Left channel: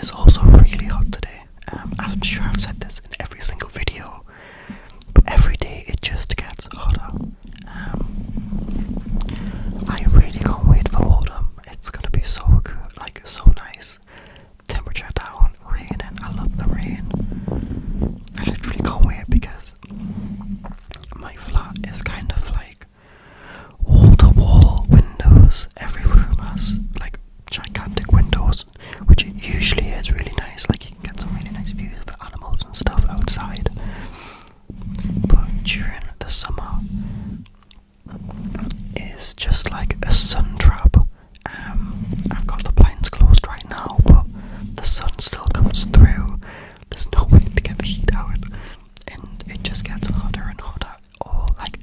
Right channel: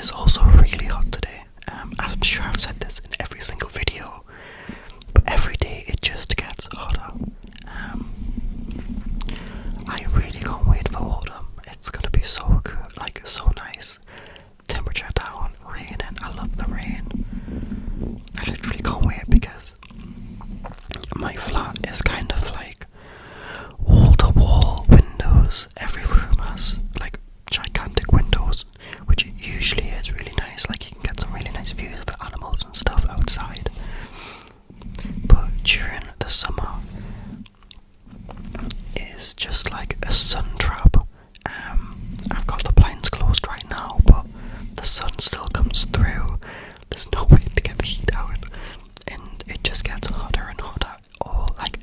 is also really hot today. I'm sure I've said this in every single video, but every day it just gets hotter. I really can't wait for autumn. It's gonna be so good, like so nice. Temperature down, raining. I love the rain. I literally can't wait because my flat is kind of like wall-to-wall windows. Every room has like gigantic windows, which it usually is really nice. Like you can get some really nice views of animals and stuff outside. But during the summer, is just like a sun trap. I've got the blinds closed right now, but the sun still comes through. There's no way to get the heat out, and it just gets hotter and hotter,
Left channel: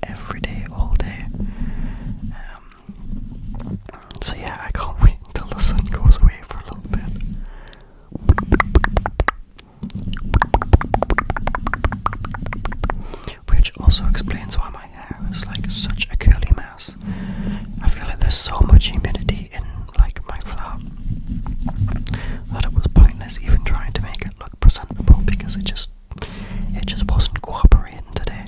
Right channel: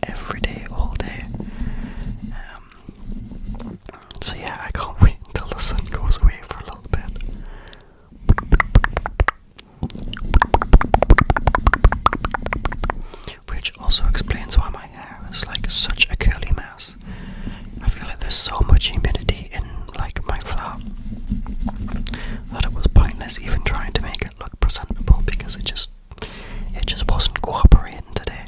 every day, all day. So yeah, I can't wait until the sun goes away for a little bit. Which also explains why my hair is like such a curly mess. I feel like there's so much humidity in like my flat that it was pointless even trying to make it look presentable because it just wasn't cooperating today.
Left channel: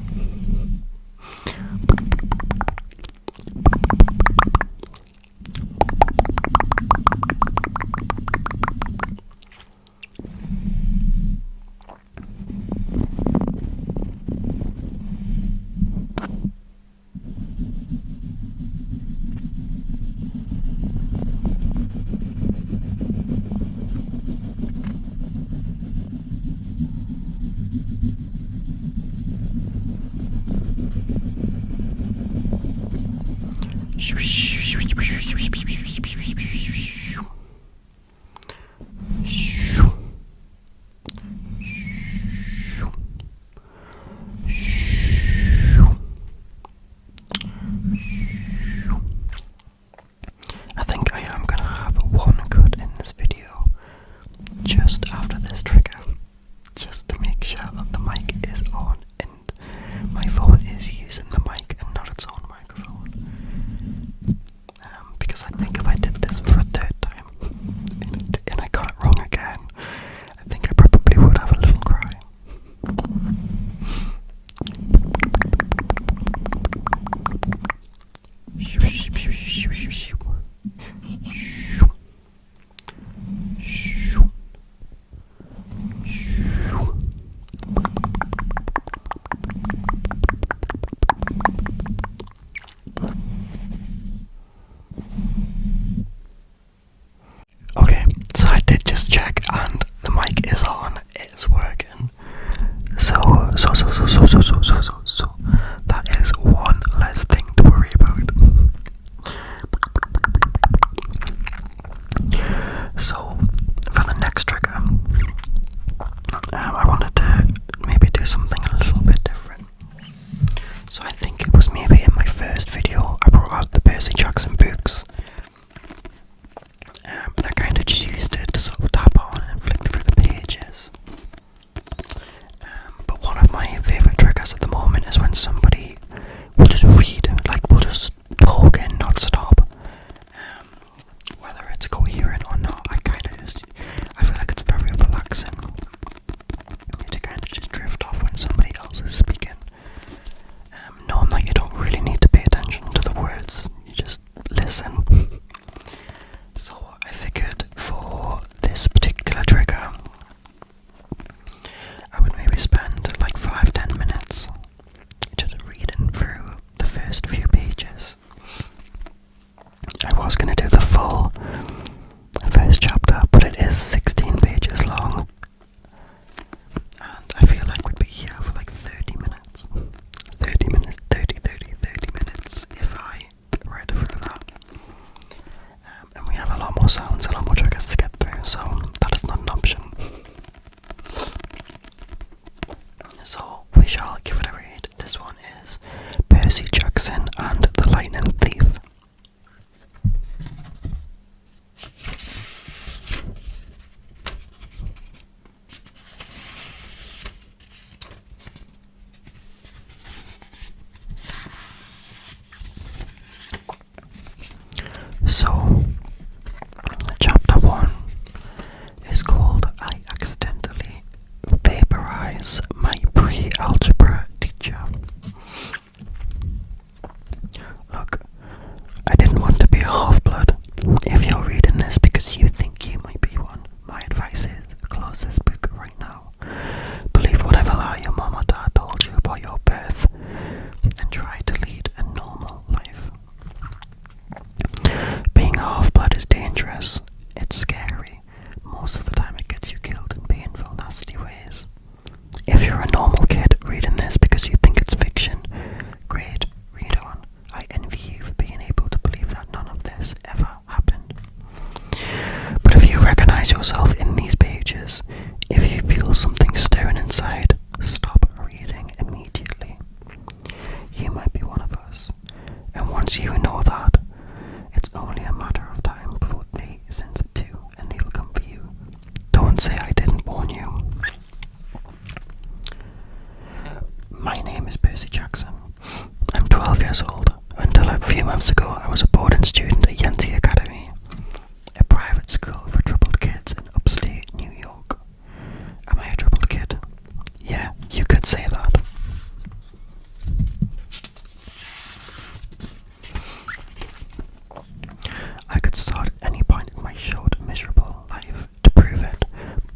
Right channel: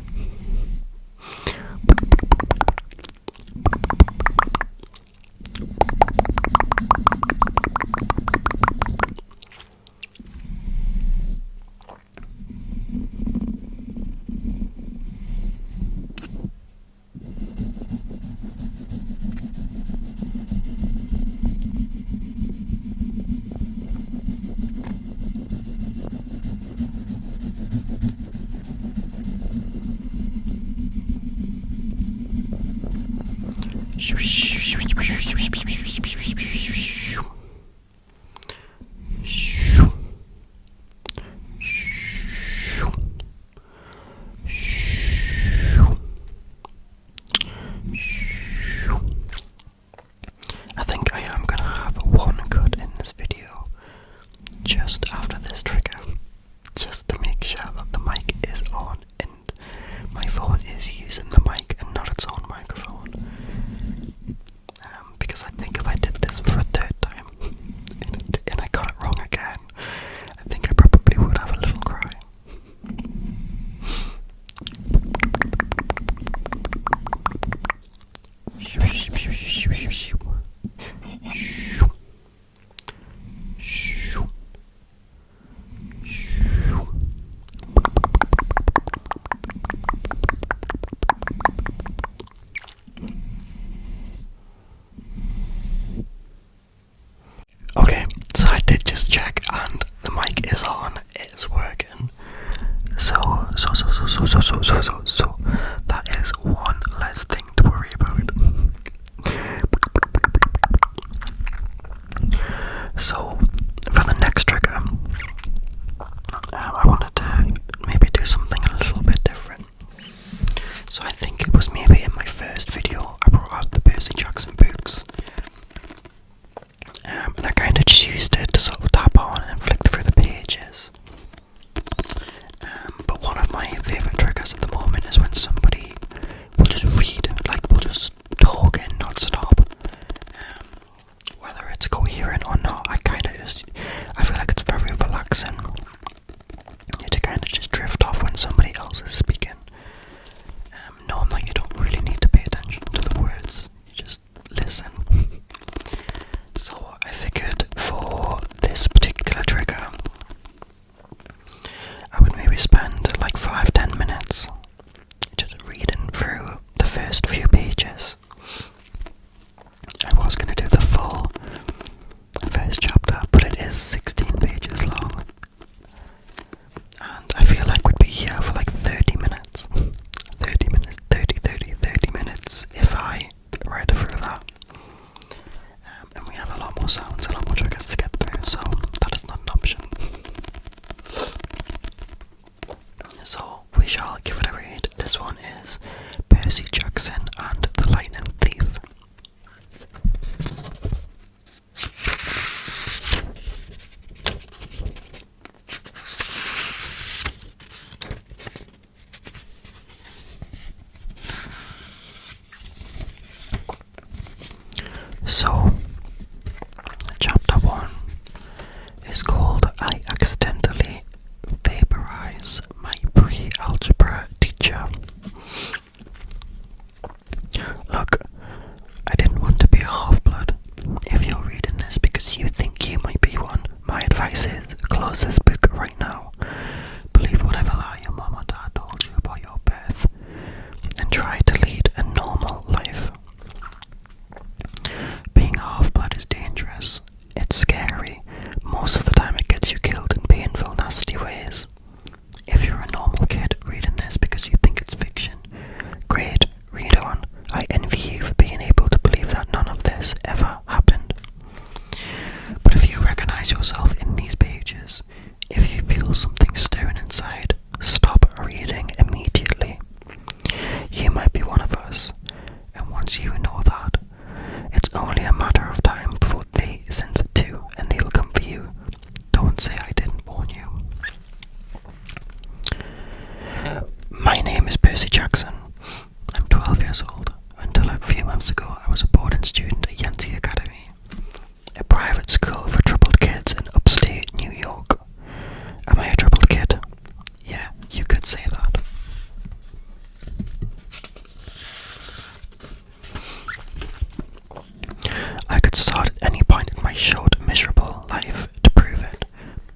I think I am gonna have one cut in this video just after this trigger, just to make sure that the mic is on and my phone is using the mic and not its own microphone. Because I think if I did this for a third time and I got it wrong again, I think I probably would have a little cry. Okay, so I did just check and the mic is on, it's working. So that is one less thing to worry about. So for the next trigger, I wanted to maybe do something a little bit different. So I think it was maybe in my first video I brought out the Percy books. And I kind of just used it to sort of tap on and flick through the pages. But one of my favourite triggers at the moment is when somebody will just read, like will just talk and not stop. Whether it's coherent or not, I feel like it's very relaxing to kind of just drift off when somebody else is speaking. Knowing that you don't really need to pay attention to the words, you just listen. So I figured for this particular trigger, I would maybe spend like 5-10 minutes just reading through the first few pages. I was going to do the full first chapter, but it is 16 pages long. And I feel like we'd be here for like 30 minutes. 30 minutes if I read through that. And we have a lot more sounds, a lot more triggers to get through, so that is not an option. So we shall give it a read. This one is Percy Jackson and the Lightning Thief. So, chapter 1 is called Organize yourself in these pages. If you feel something stirring inside, stop reading immediately. You might be one of us, and once you know that, it's only a matter of time before they sense it too, and they'll come for you. Don't say I didn't warn you. My name is Percy Jackson. I'm 12 years old. Until a few months ago, I was a boarding student at Yancey Academy, a private school for troubled kids in upstate New York. Am I a troubled kid? Yeah, you could say that. I could start at any point in my short, miserable life to prove it,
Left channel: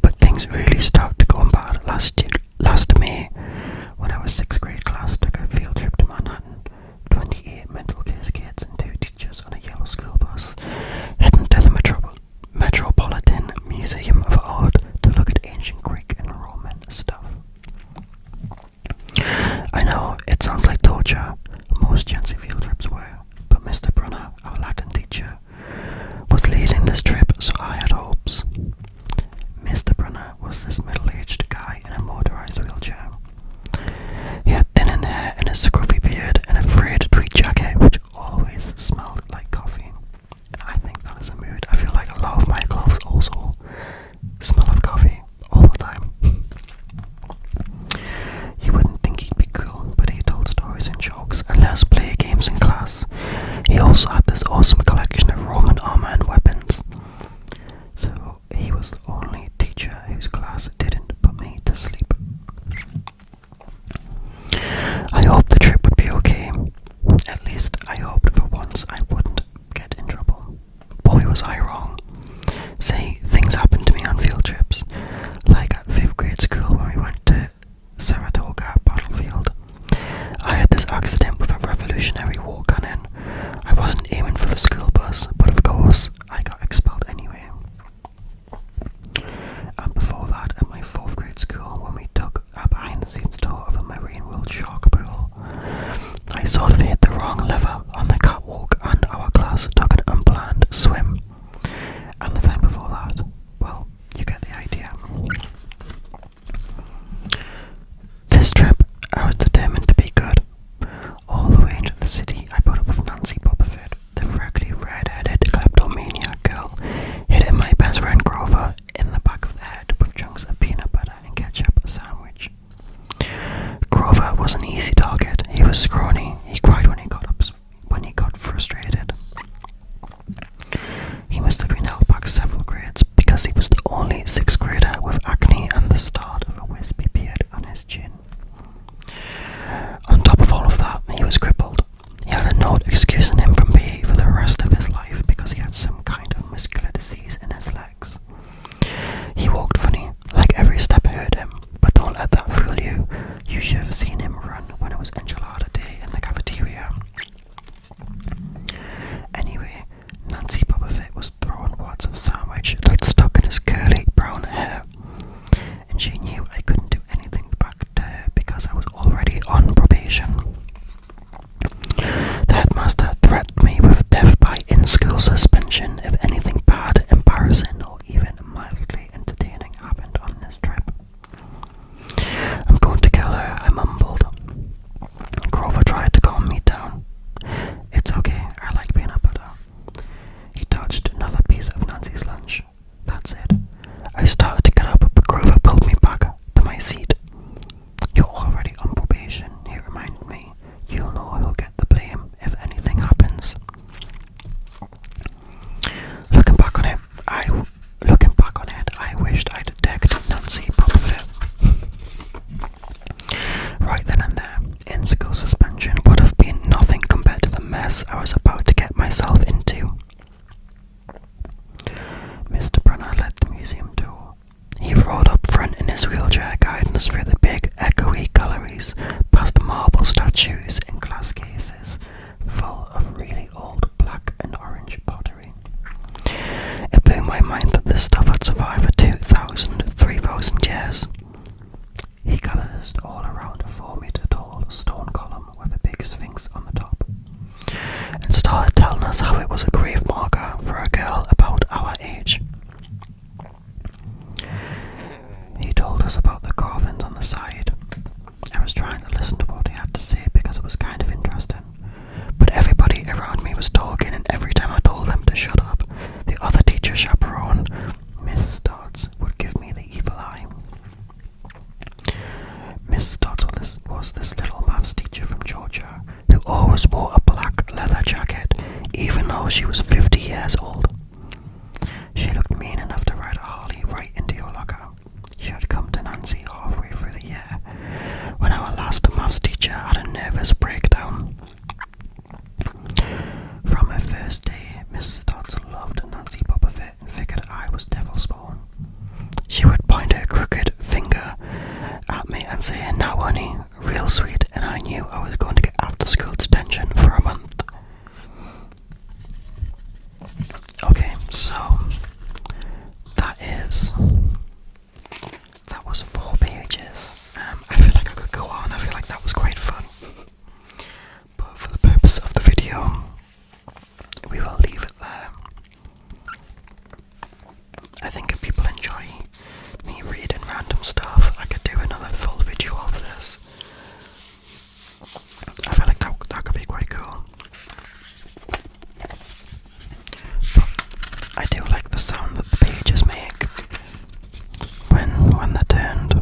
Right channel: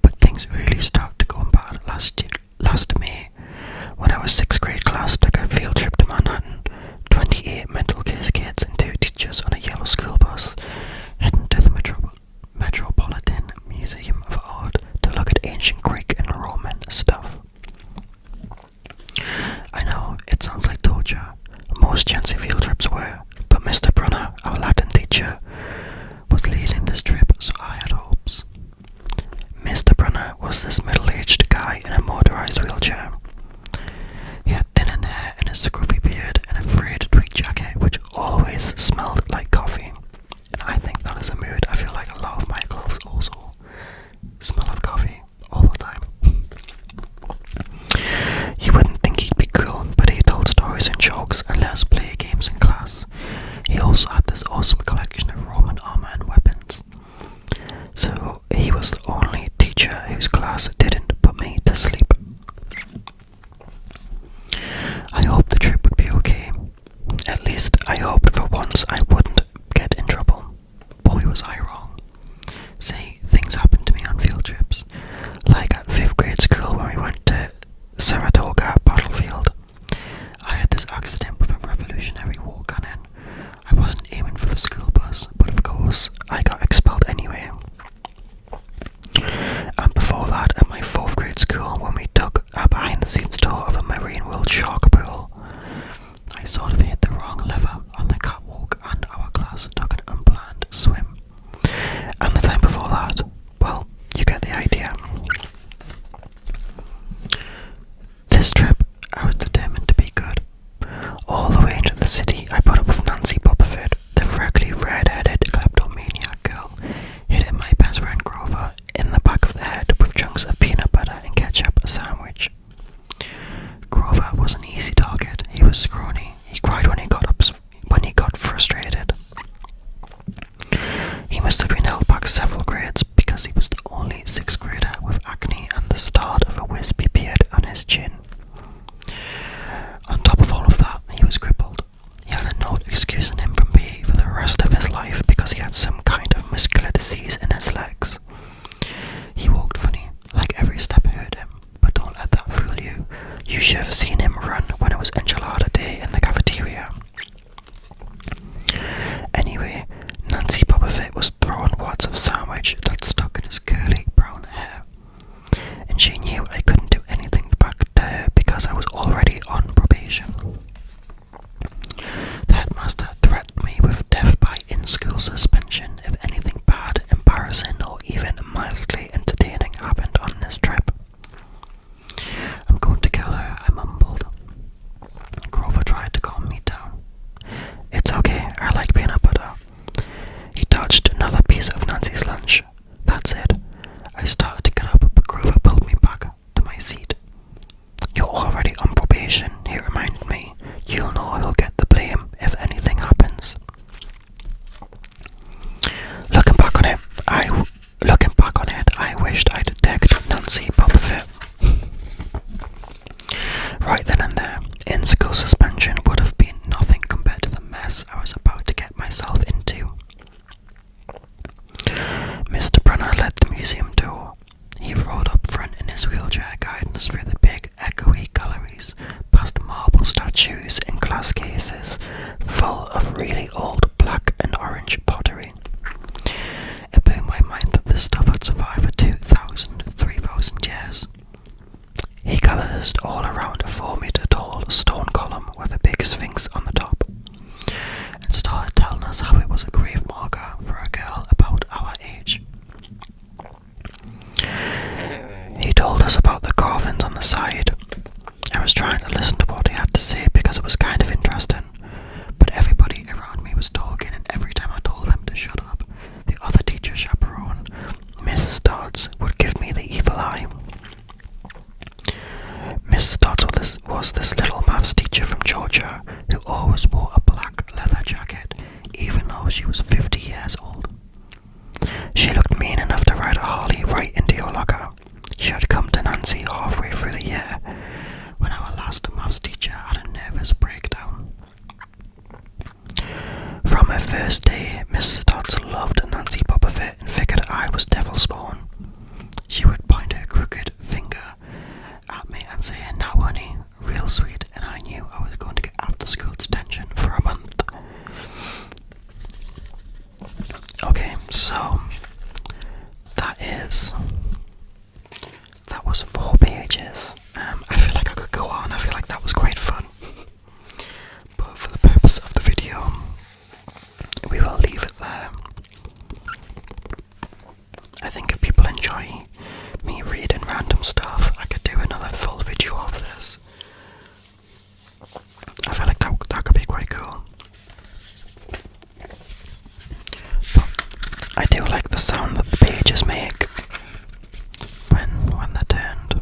but things really started to go bad last May, when our 6th grade class took a field trip to Manhattan. 28 mental case kids and 2 teachers on a yellow school bus, heading to the Metropolitan Museum of Art to look at ancient Greek and Roman stuff. I know, it sounds like torture. Most Yancey field trips were, but Mr. Brunner, our Latin teacher, was leading this trip, so I had hopes. Mr. Brunner was this middle-aged guy in a motorized wheelchair. He had thinning hair and a scruffy beard and a frayed tweed jacket which always smelled like coffee. And I think that is a mood. I feel like a lot of my clothes also smell of coffee all the time. You wouldn't think he'd be cool, but he told stories and jokes and let us play games in class. He also had this awesome collection of Roman armor and weapons. So he was the only teacher whose class didn't put me to sleep. I hoped the trip would be okay. At least I hoped for once I wouldn't get in trouble. Boy, was I wrong. See, things happen to me on field trips. Like at 5th grade school when we went to Saratoga battlefield. I had this accident with a Revolutionary War cannon. I wasn't aiming for the school bus, but of course I got expelled anyway. And before that, at my us about the carvings on the side. I was trying to listen to what he had to say because it was kind of interesting, but everybody around me was talking, and every time I told them to shut up, the other teacher chaperone, Mrs. Dodds, would give me the evil eye. Mrs. Dodds was this little maths teacher from Georgia who always wore a black leather jacket, even though she was 50 years old. She looked mean enough to ride a Harley right into your locker. She had come to Nancy halfway through the year, when our last maths teacher had a nervous breakdown. From her first day, Mrs. Dodds loved Nancy Bobbitt and figured I was devil spawn. She would point her crooked finger at me and say, "Now honey," real sweet, and I knew I was going to get after school detention for a month. Okay, so that was 4 pages. I feel like I could go on. I feel like that was quite fun, but for the purpose of the video, we will leave it there. I think if people enjoy me reading random stuff, I could do another full video of this. I feel like that could be quite cool. But I do like the sound that the pages make when they're turned.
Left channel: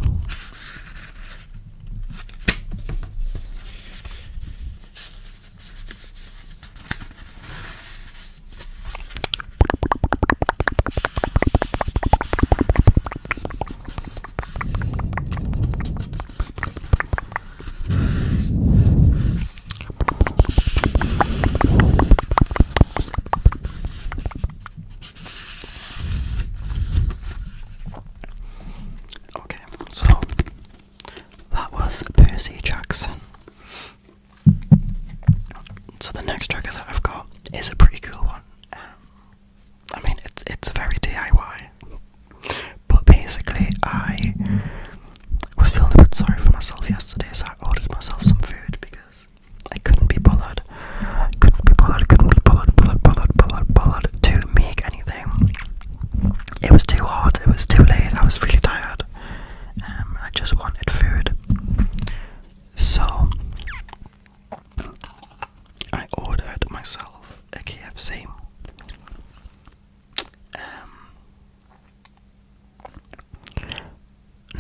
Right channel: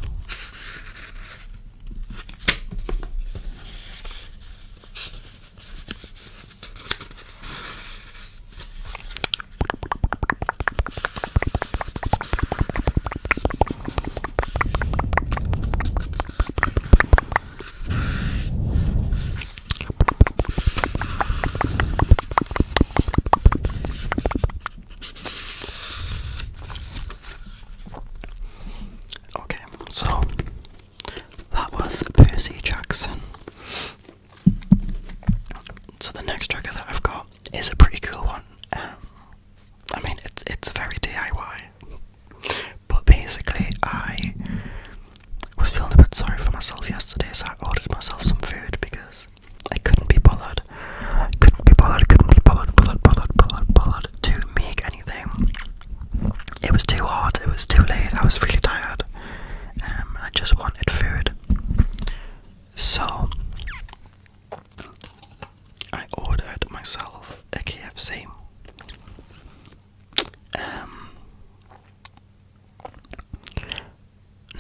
So, that was Percy Jackson. So the next tracker that I've got is a pretty cool one. I mean, it's very DIY. But basically, I was feeling a bit sorry for myself yesterday, so I ordered myself some food because I couldn't be bothered to make anything. It was too hot, it was too late, I was really tired. I just wanted food. So I ordered myself a KFC.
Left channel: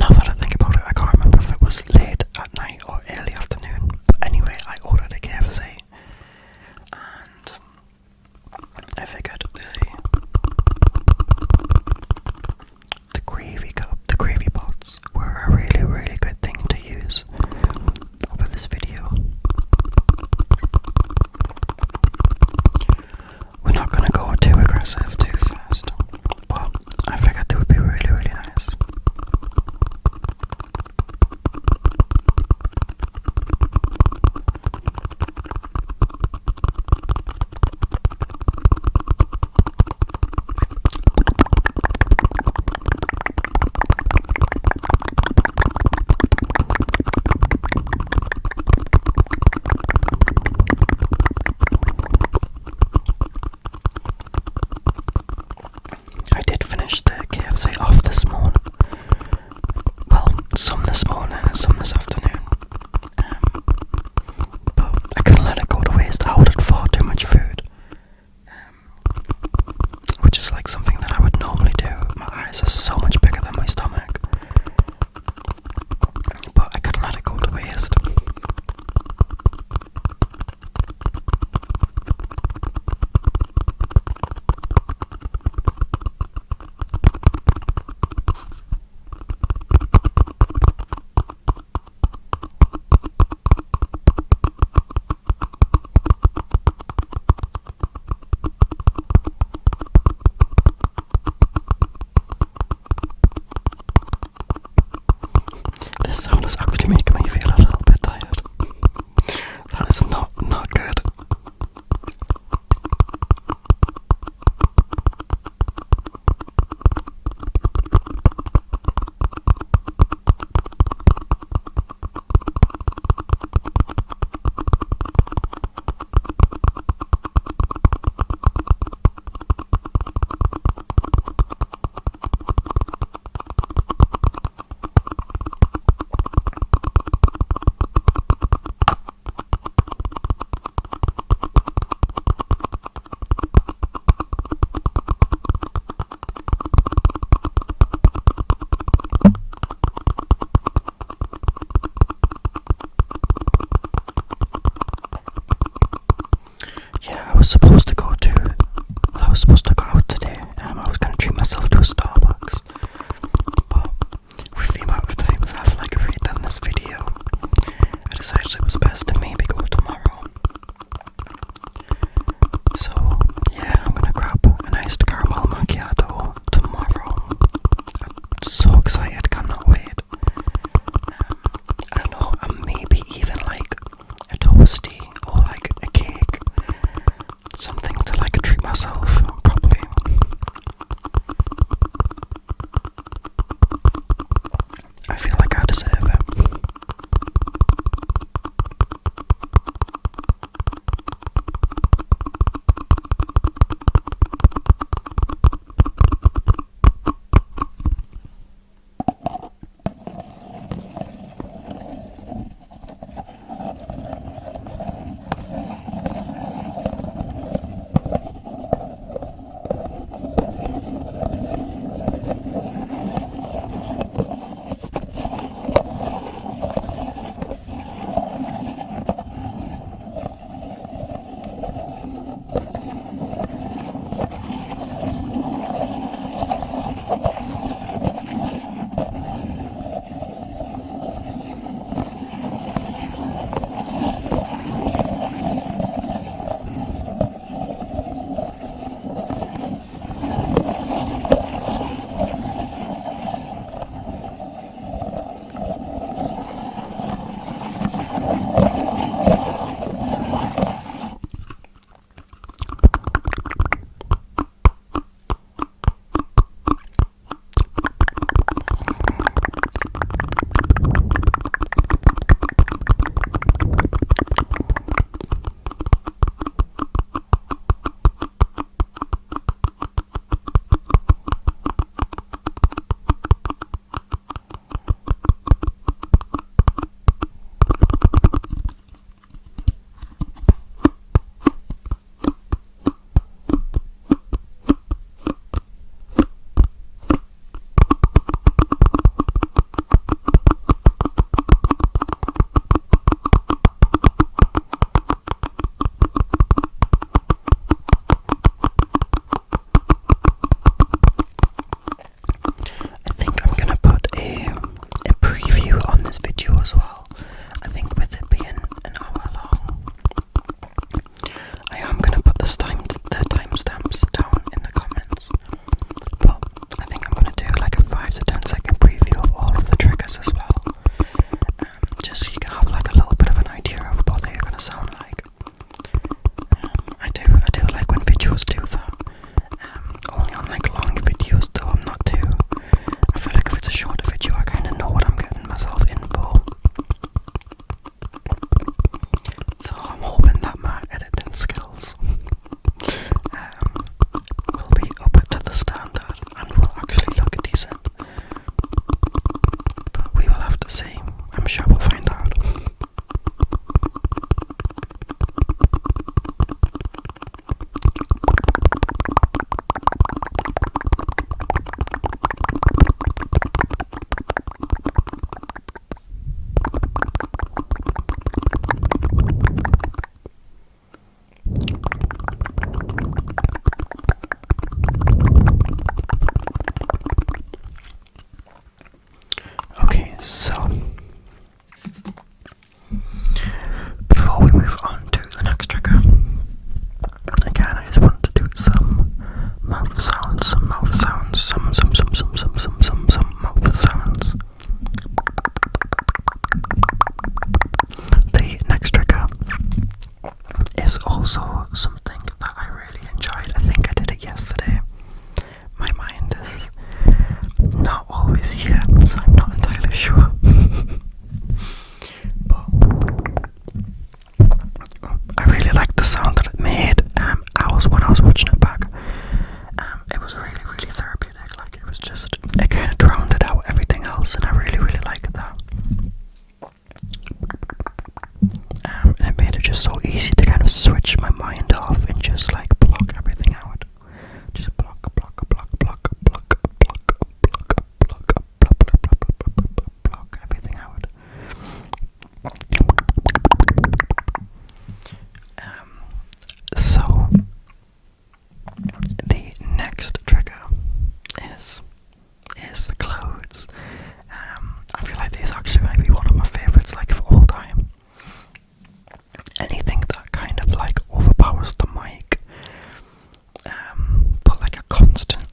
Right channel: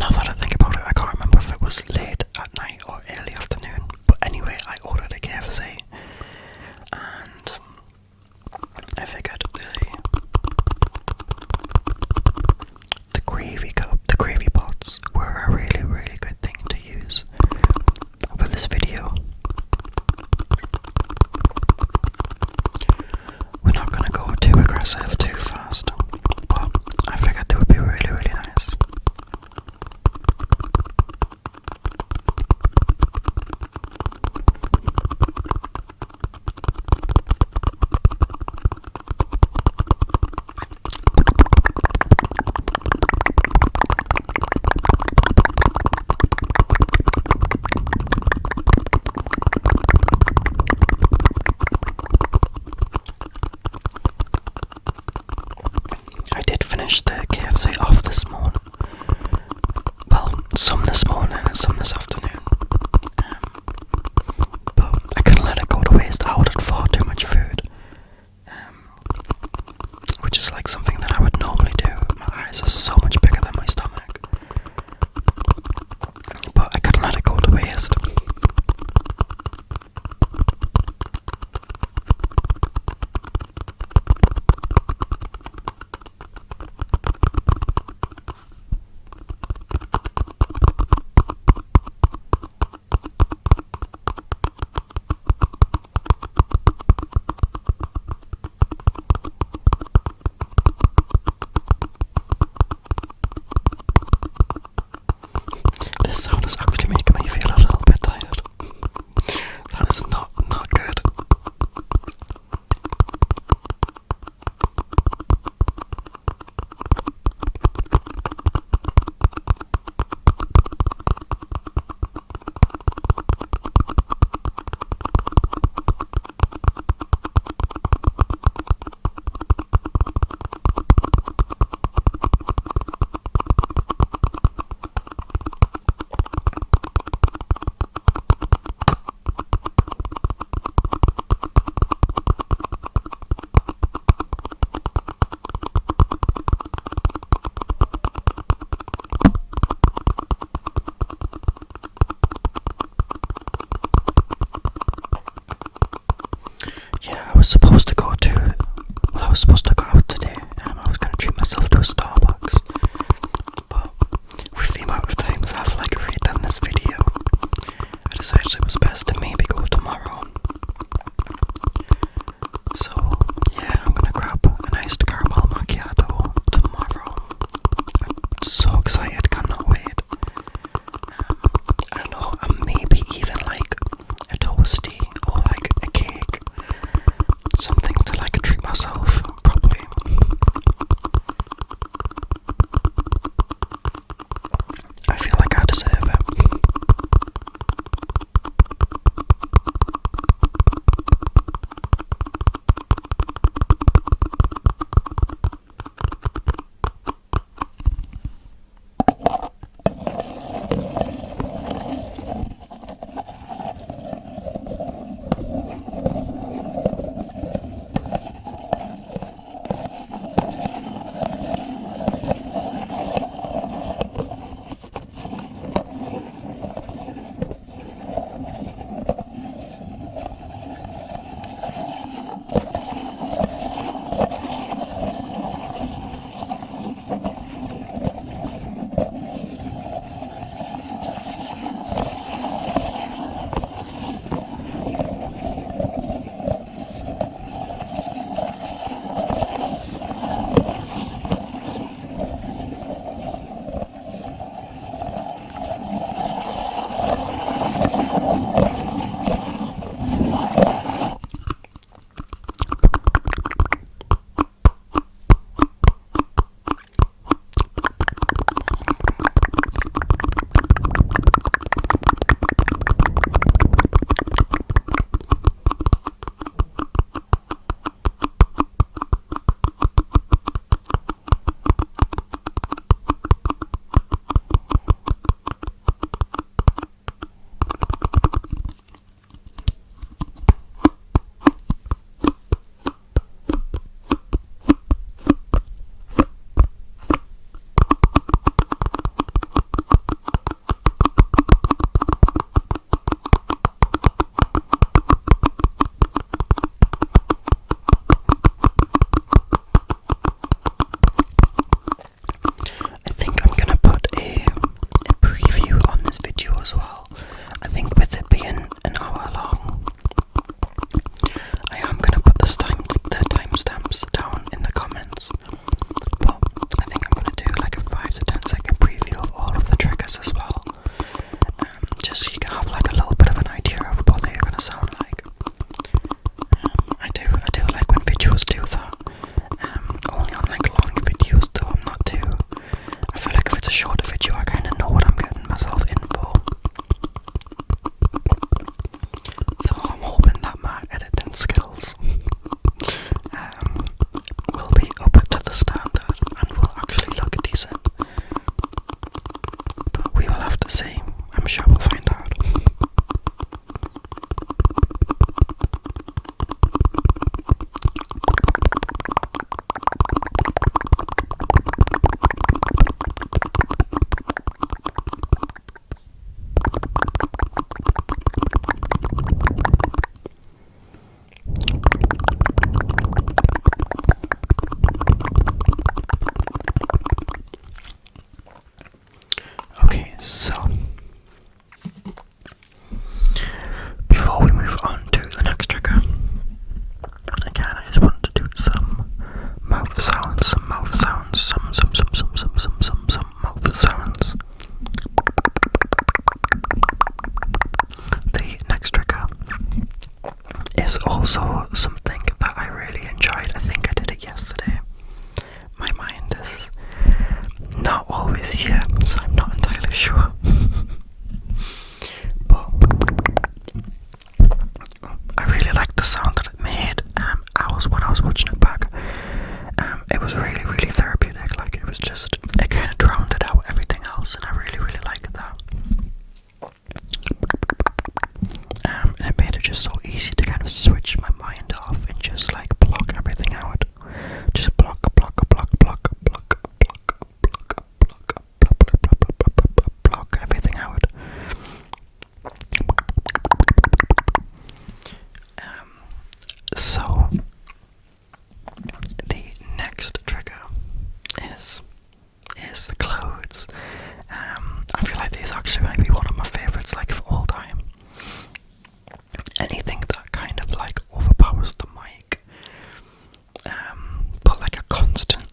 Now that I think about it, I can't remember if it was late at night or early afternoon. But anyway, I ordered a KFC, and I figured the gravy pots were a really, really good thing to use for this video. We're not going to go too aggressive too fast, but I figured they would be really, really nice. I did finish the KFC off this morning. Well, some this morning and some this afternoon. But I couldn't let it go to waste. I ordered far too much food. Which is like something that I would normally do. My eyes are so much bigger than my stomach. But I couldn't let it go to waste. This sound is actually making me feel a little bit tired. That is not good. so excited, cannot wait. I don't know, maybe even like a toasty or like a cake, something to like treat myself properly. I feel like I deserve it.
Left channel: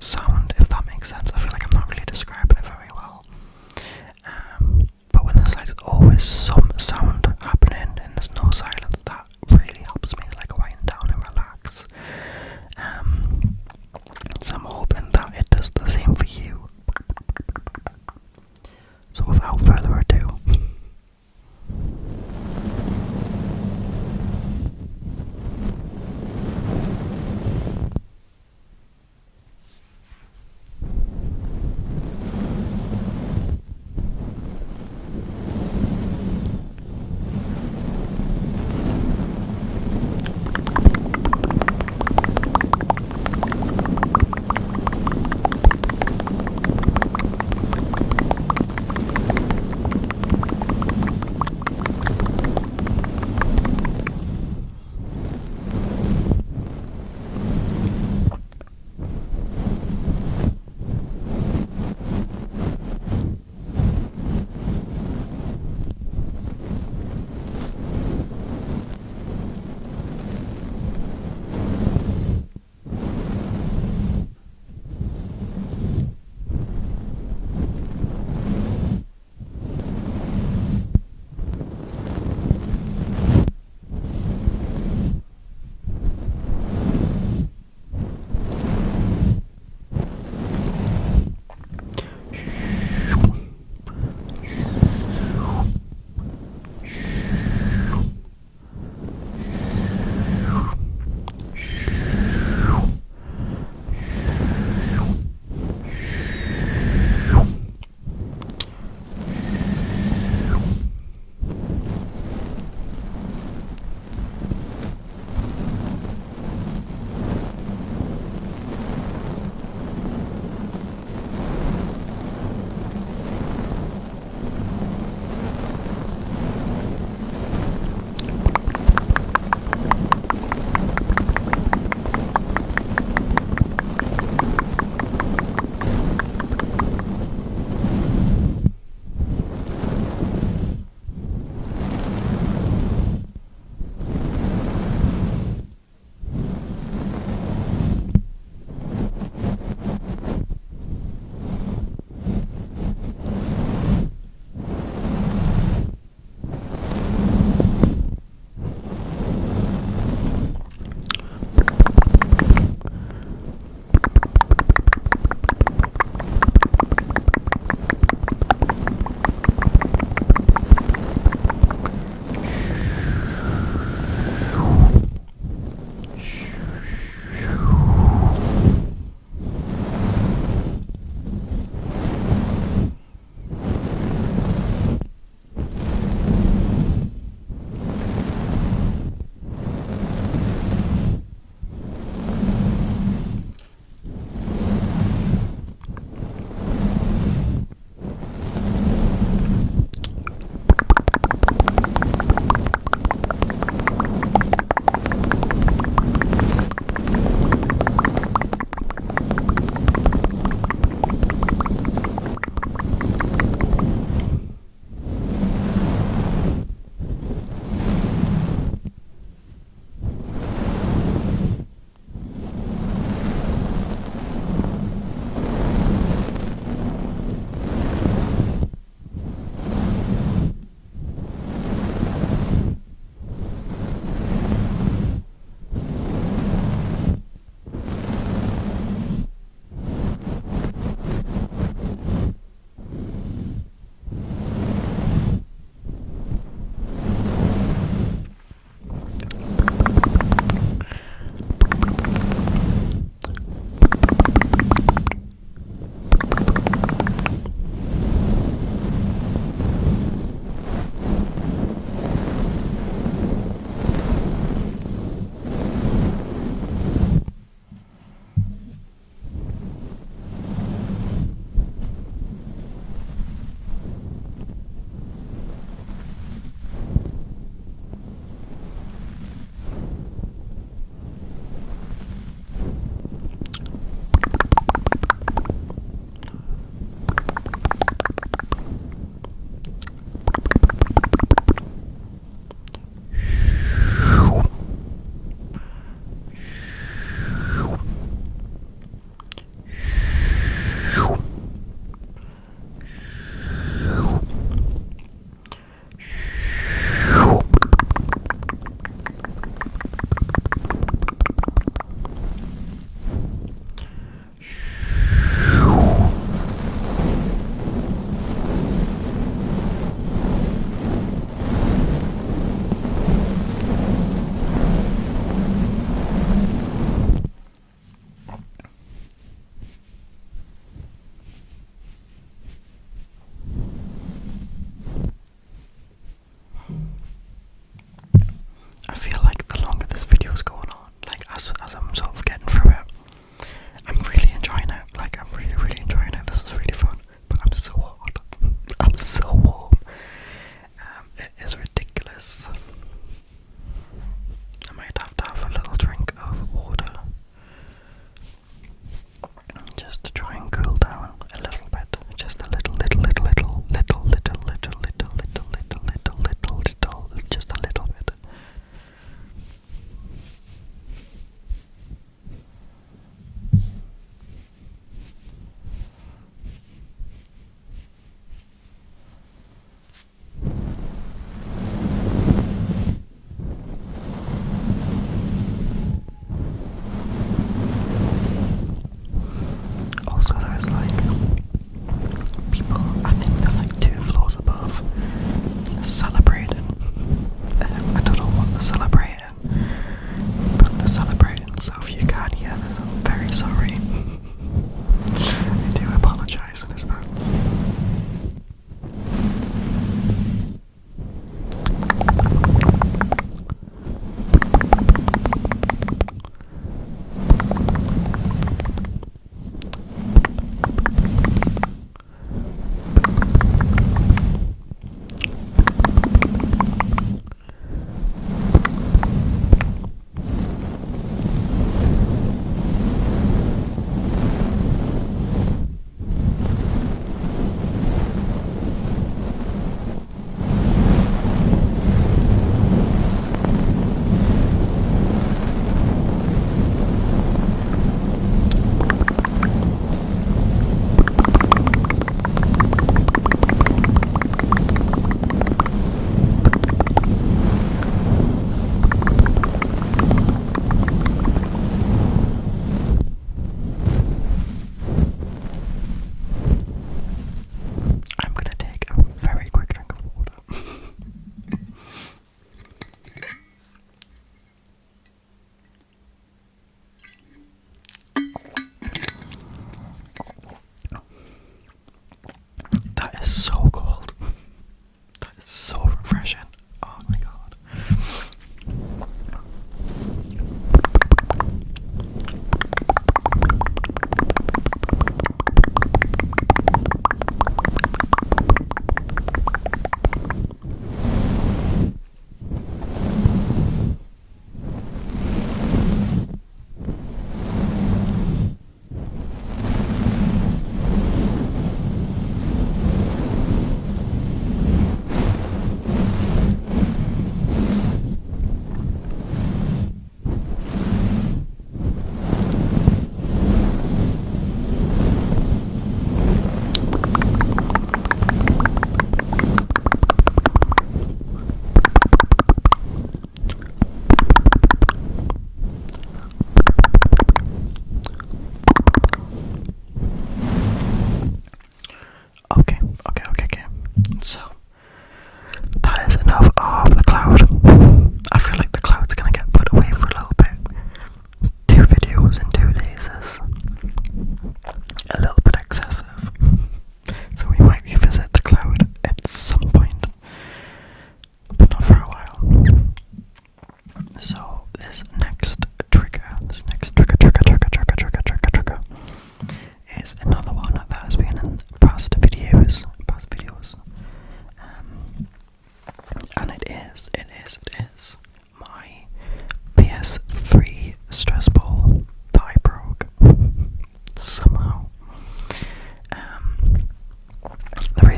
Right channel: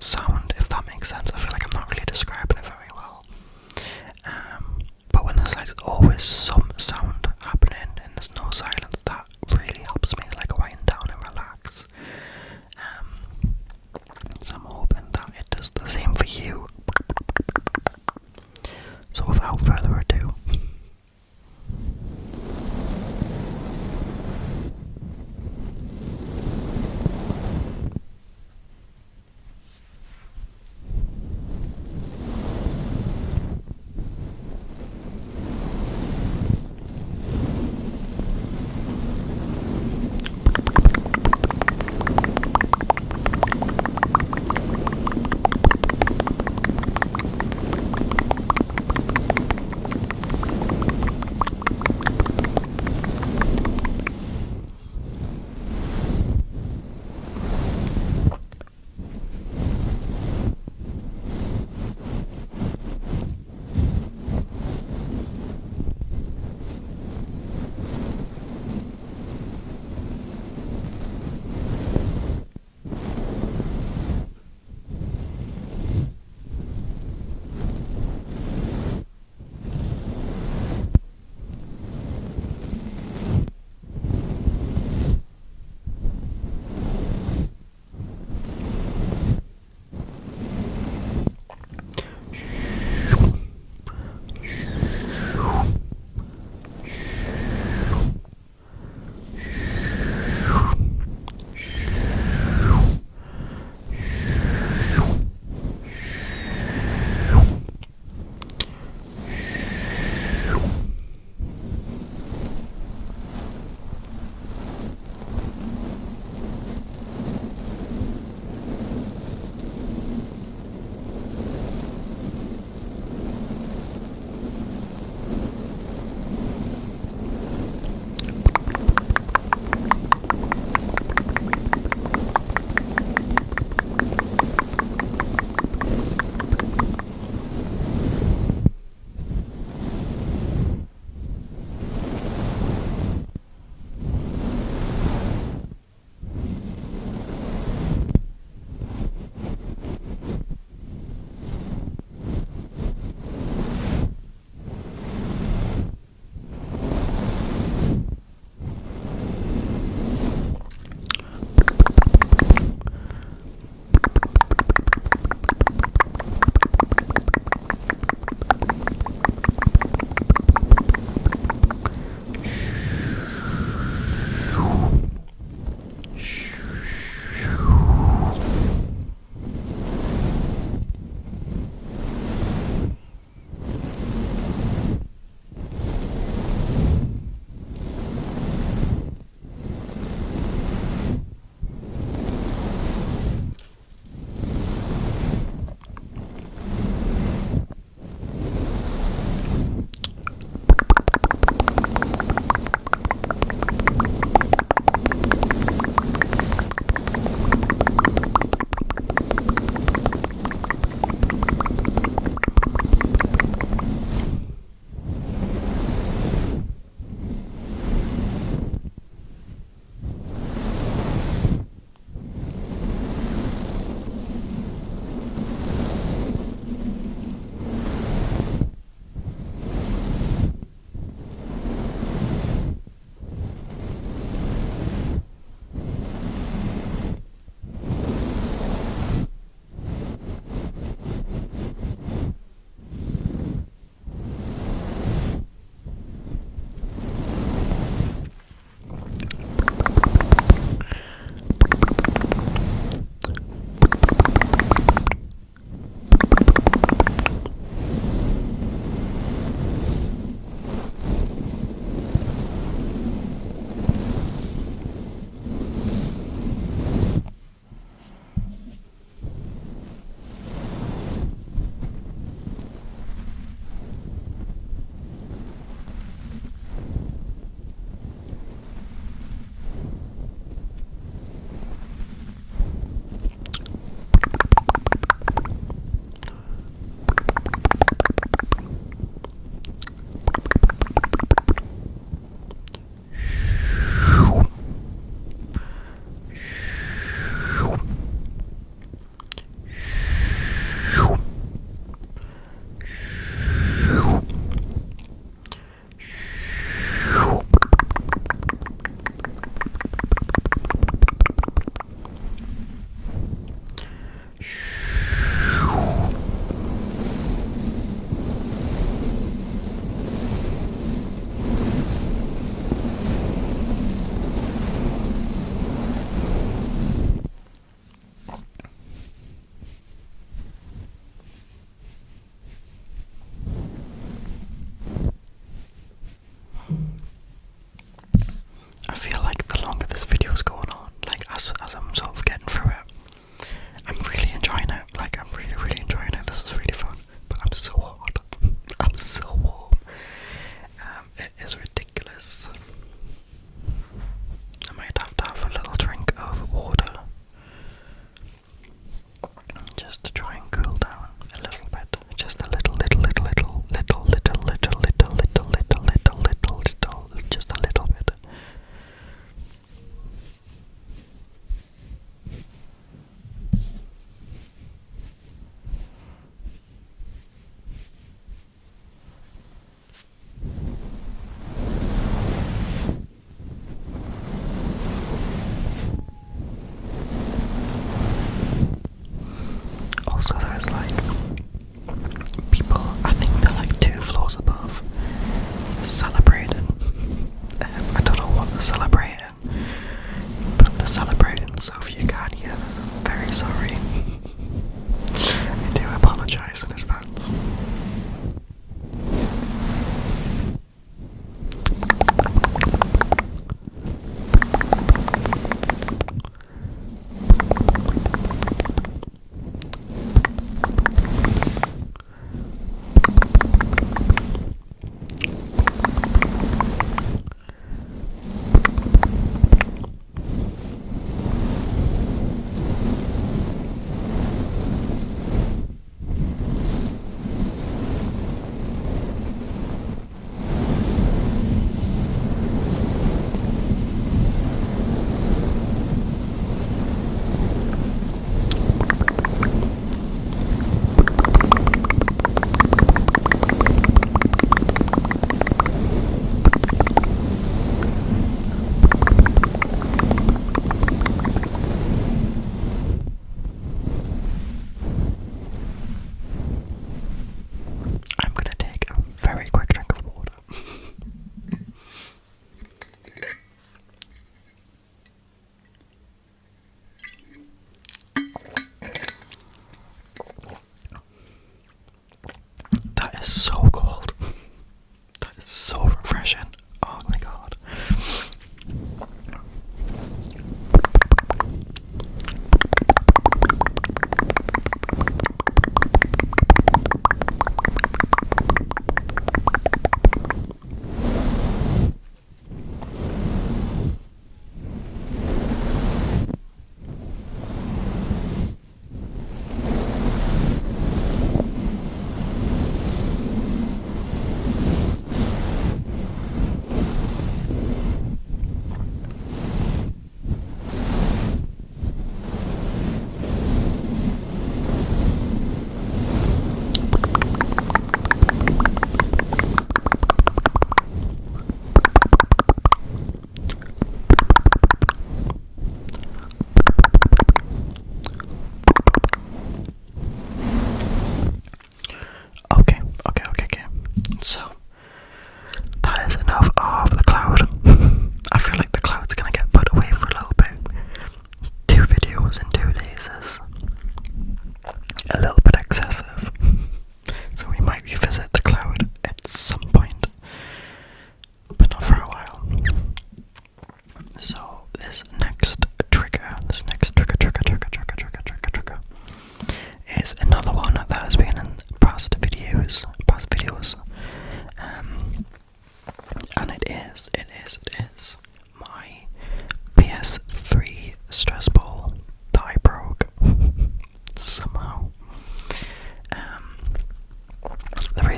Sound, if that makes sense. I feel like I'm not really describing it very well.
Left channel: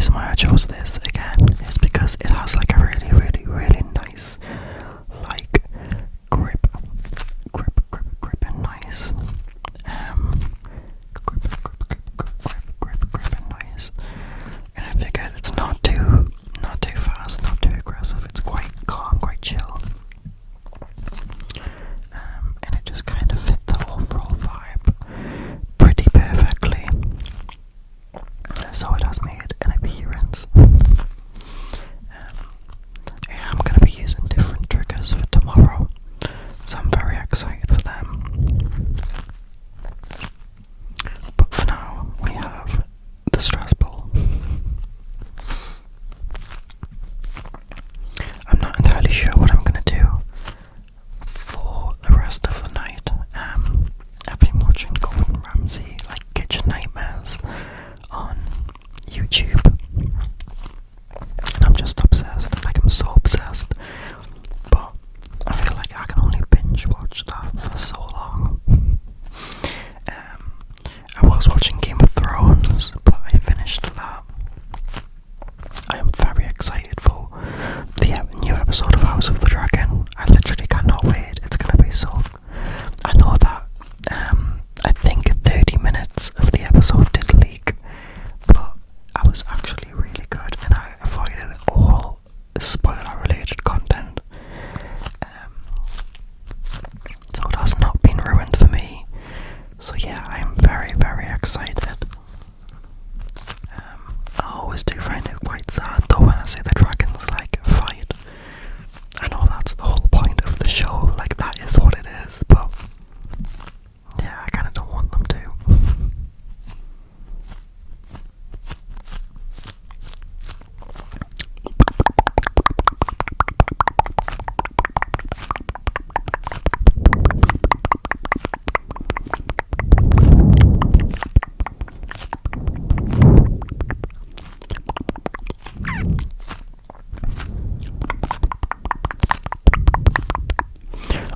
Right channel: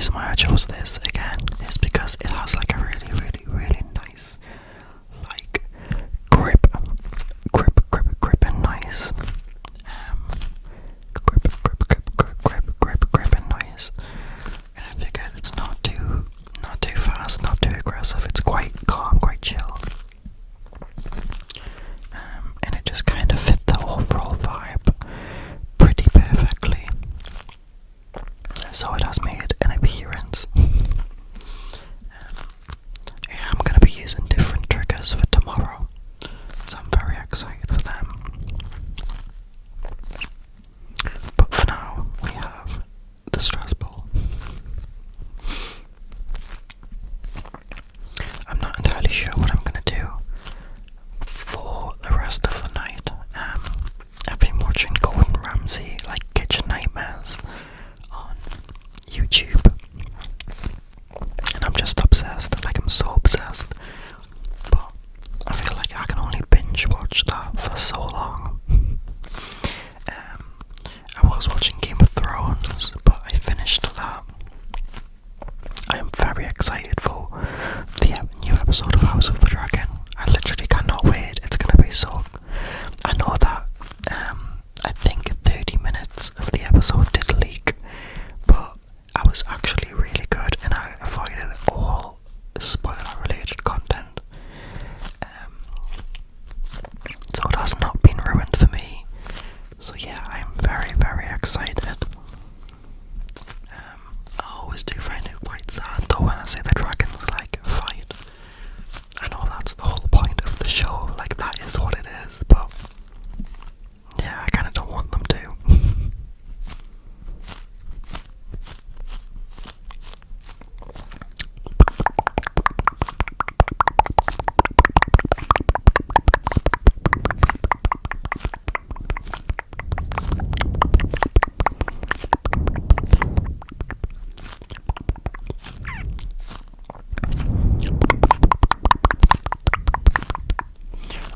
reason why I chose this again is because it has like a really, really, really nice like grip and nice grip and nice. And I figured it's not too fast, not too aggressive. It's quite calm, quite chill. And it just kind of fit the overall vibe pretty perfectly. So it has made an appearance. I'm going to be using different triggers for tomorrow, so I'm very excited for them. But for now, we have the stress ball. I'm not entirely sure what I'm going to do for the rest of the night. I've been watching Gordon Ramsay, like Kitchen Nightmares, on YouTube, and I'm just obsessed. Like, I'm so obsessed. But I feel like I can only binge watch that for so long. I was watching Game of Thrones, but I finished that. I am very excited for the new episode of House of the Dragon. I literally cannot wait. It's gonna be so... I know that I think 30 minutes of the episode did leak, but I was actually really good and I avoided all spoiler related content. So it has not been ruined for me. So yeah, I am very, very excited. I always do find it quite sad though when I see the dragons like fight. I know that's the whole point of the show, like that is what it is, but yeah, I kinda don't want them to.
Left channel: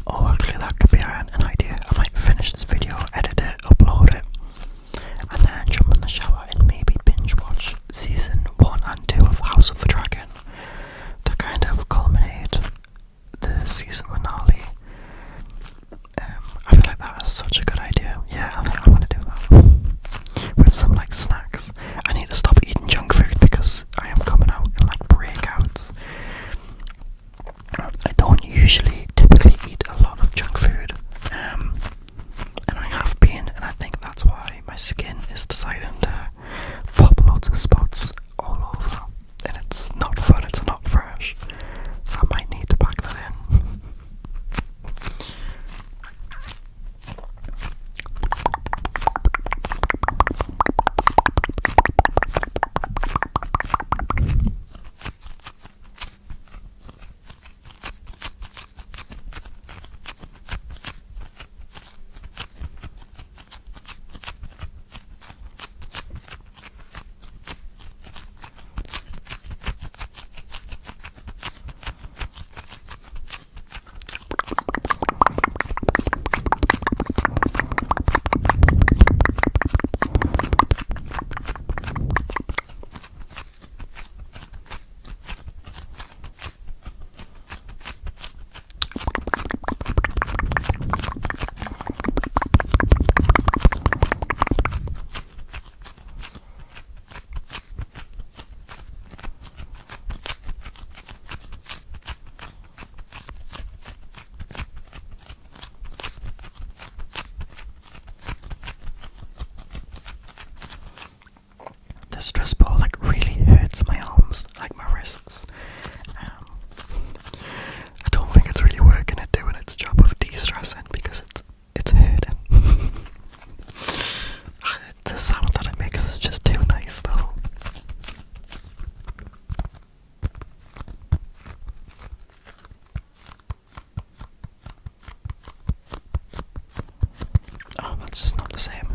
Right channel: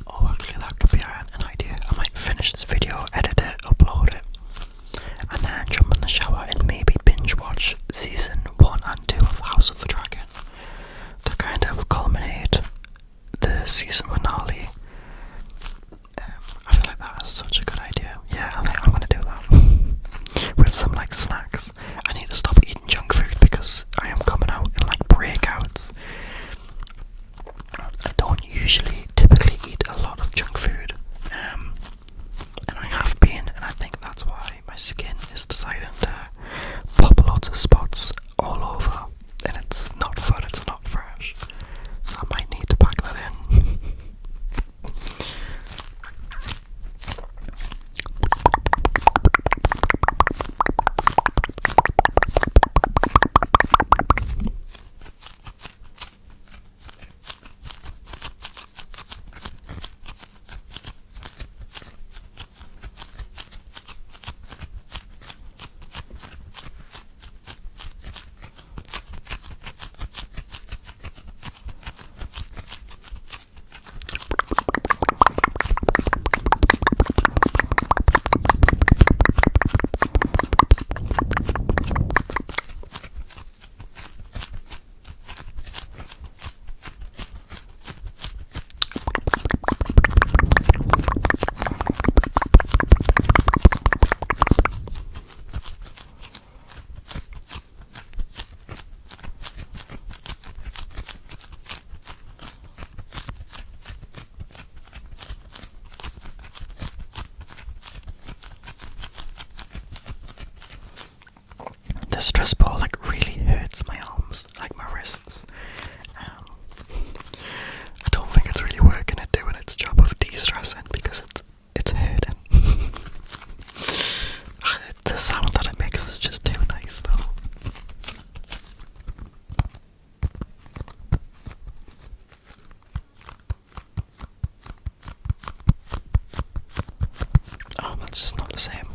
Oh, actually that could be an idea. I might finish this video, edit it, upload it, and then jump in the shower and maybe binge watch season 1 and 2 of House of the Dragon to kind of culminate the season finale. I feel like that is such a good idea. Yeah, I'm gonna do that. With some like snacks. I need to stop eating junk food because I am coming out in like breakouts. I don't usually typically eat a lot of junk food, and I have been, and I think that's why my skin is deciding to pop loads of spots all over, and it's not fun, it's not fresh. I might need to pack that in. The stress ball like really hurts my arms, like my wrists. I don't think it's really working at doing its job of de-stressing because it's hurting. The sound that it makes is just too nice though. Oh, that's just not the same.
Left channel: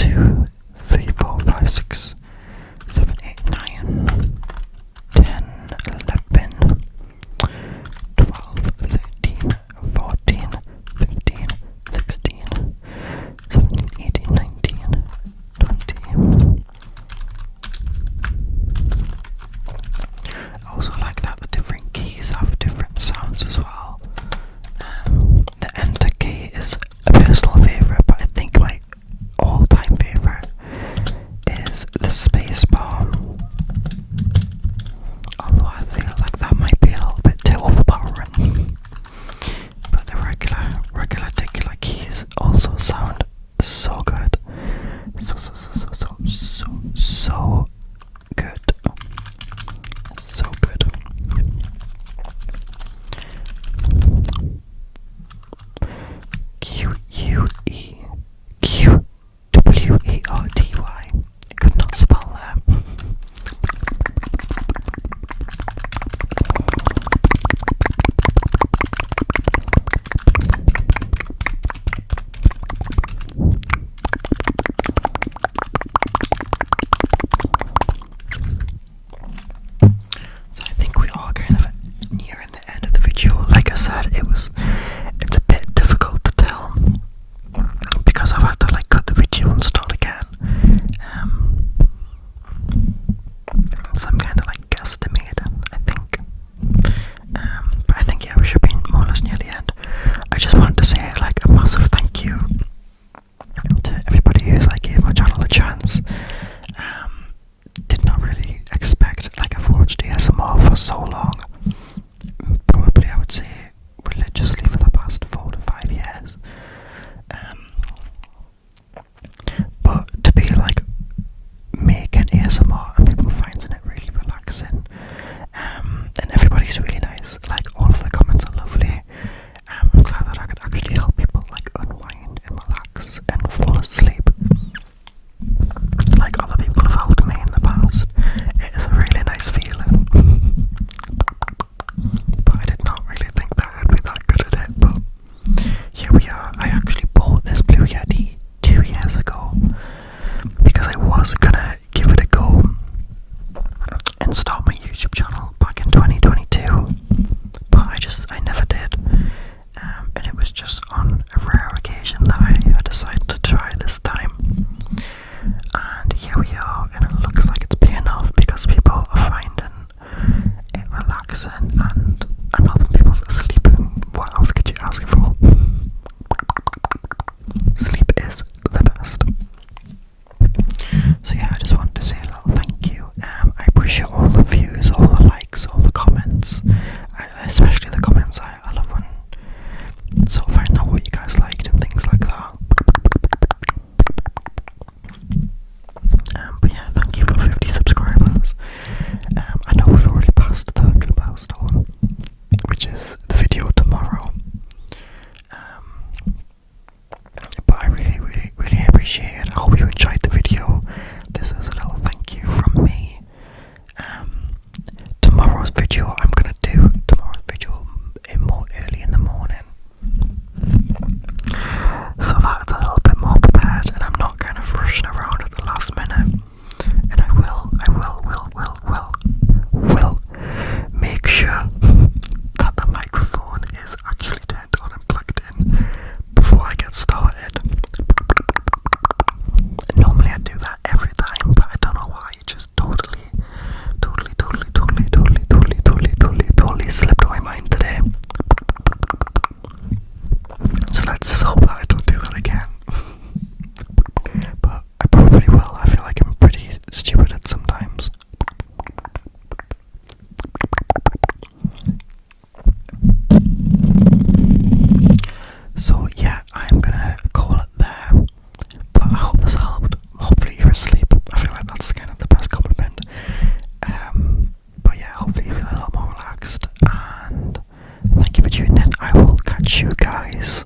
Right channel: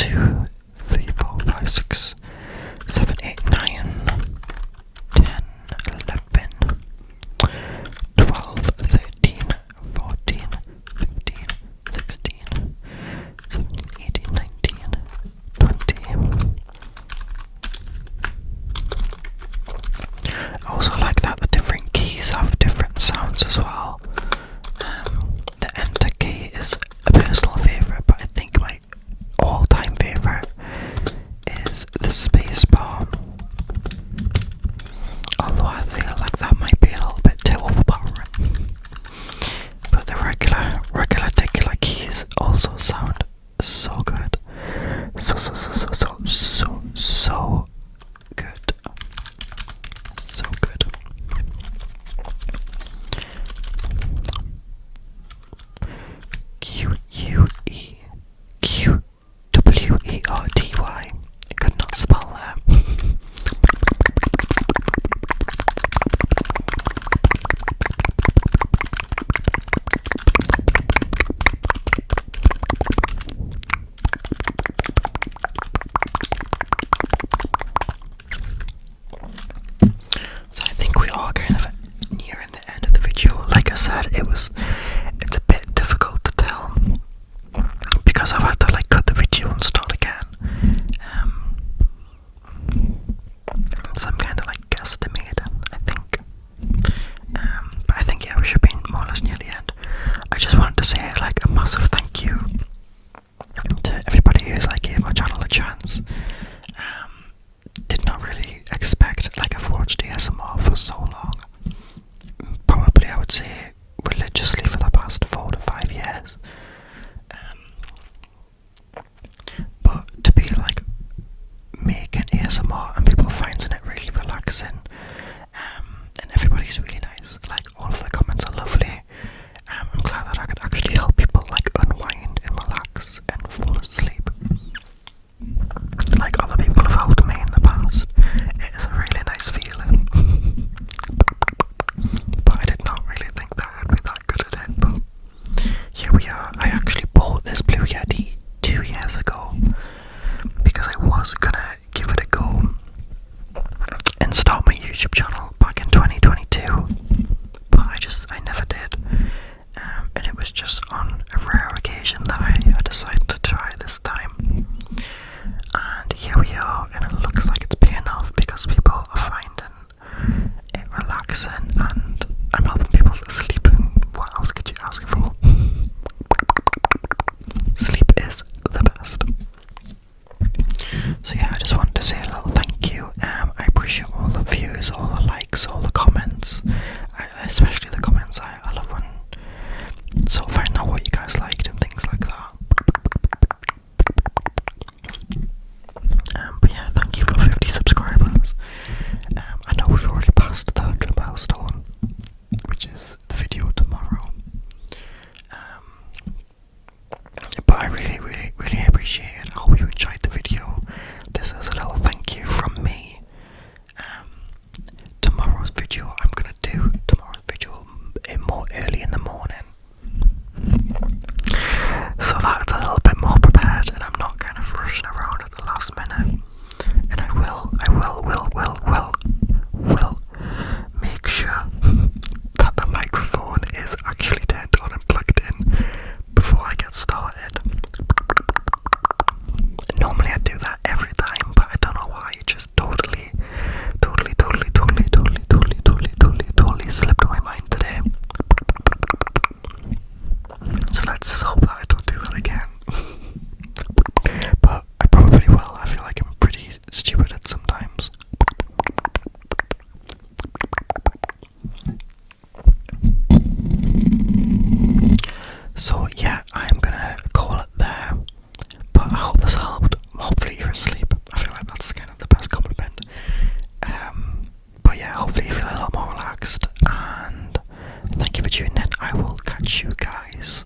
2, 3, 4, 5, 6, 7, 8, 9, 10, 11, 12, 13, 14, 15, 16, 17, 18, 19, 20. I also like that the different keys have different sounds as well. The enter key is a personal favourite, but I think my all-time favourite is the space bar. Although I feel like that might be a little bit too overpowering. But the regular keys also sound so good. So good. So good. QUEQWERTY. I could not spell that. So I think we are kind of nearing the end of the video. Like I said, it's a bit difficult to tell because I've had to like cut the video and start again. So I'm kind of like guesstimating, I think. But I think, yeah, we should be more or less near the end. I just wanted to say like a massive thank you to everybody who's like gave my channel a chance. Did not really expect, like, I've watched ASMR for so long, probably I would say religiously for the past 4 to 5 years, but to be like making ASMR and people finding it really relaxing, and everybody's really nice, like all of the comments are lovely. I'm glad that I could actually help people like unwind and relax and fall asleep like other people have helped me in the past. It is a really nice feeling. But I did not really think that I'd be that good at it, but here we are. I actually bought this Blue Yeti 2 years ago because I was gonna give it a go and start my YouTube channel back in 2022, but I never did. And it was just on a rare occasion that I decided to try this time. And here we are, and it looks like it's paying off because people are finding it relaxing and I'm helping people to sleep. And what else could you ask for? Sleep is the best. So yeah, I just wanted to say a little thank you. I appreciate all the views, all the likes, all the comments, especially the comments. I love when sort of find out what you guys liked and things like that. But yeah, thank you for 50 subscribers. I know we've already passed the 100 milestone, which is the video tomorrow. But I really appreciate it. I hope you enjoyed the video. This is a little thank you from me. Tomorrow's video more early in the morning, so that's a little bit more prepared and I'm not kind of rushing around at the last minute. And I will make sure that the microphone is actually turned on and plugged in before I get started. Normally I do that every time, but I don't know why, it just totally slipped my mind today. So let's just hope that I don't do that again. But I probably will. I feel like I'm pretty stupid at sometimes. So yeah, I'm gonna call it there. But I hope this helped. Hopefully you're asleep. I feel like that's kind of the best compliment. But yeah, hopefully you feel a lot more relaxed. And thank you for tuning in. I will catch you guys